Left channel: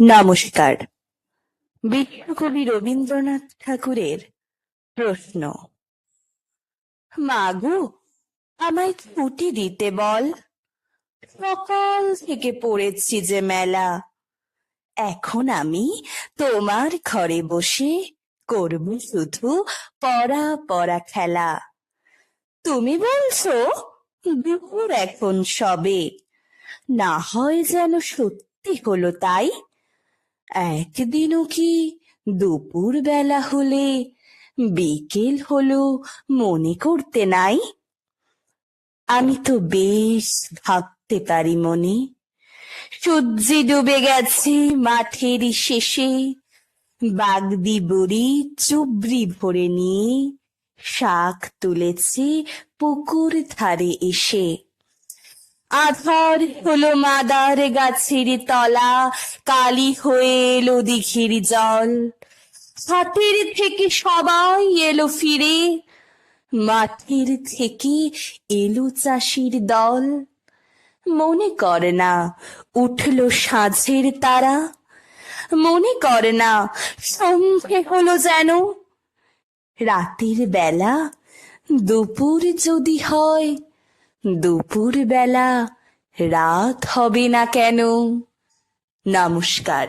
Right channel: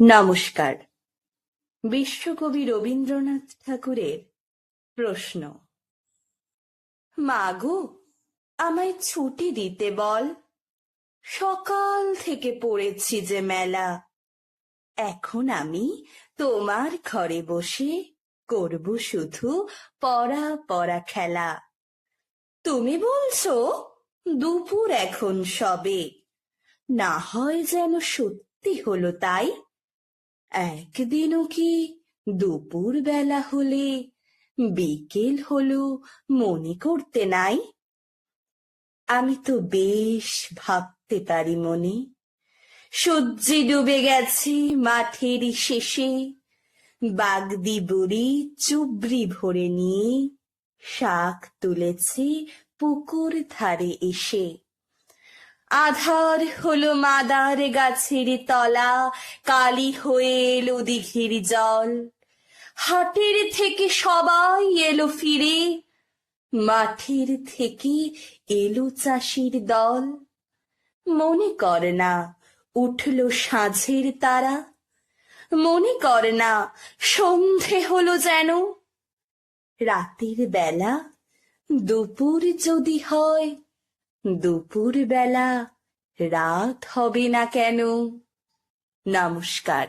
নমস্কার। বিশ্বকবি রবীন্দ্রনাথ ঠাকুরের প্রশ্ন। মাগো, আমায় ছুটি দিতে বল, সকাল থেকে পড়েছি যে মেলা। এখন আমি তোমার ঘরে বসে করব শুধু পড়া পড়া খেলা। তুমি বলছো দুপুর এখন সবে, না হয় যেন সত্যি হলো তাই। একদিনও কি দুপুর বেলা হলে বিকেল হলো মনে করতে নাই? আমি তো বেশ ভাবতে পারি মনে, সূর্যে ডুবে গেছে মাঠের শেষে, বাগদি বুড়ি চুবড়ি ভরে নিয়ে শাক তুলেছে পুকুর ধারে এসে। আধার হলো মাদার গাছের তলা, কালি হয়ে এলো দিঘির জল। হাটের থেকে সবাই এলো ফিরে, মাঠের থেকে এলো চাষির দল। মনে করে না উঠল সাঁঝের তারা, মনে করে না সন্ধে হলো যেন। রাতের বেলা দুপুর যদি হয়, দুপুর বেলা রাত হবে না কেন? নমস্কার।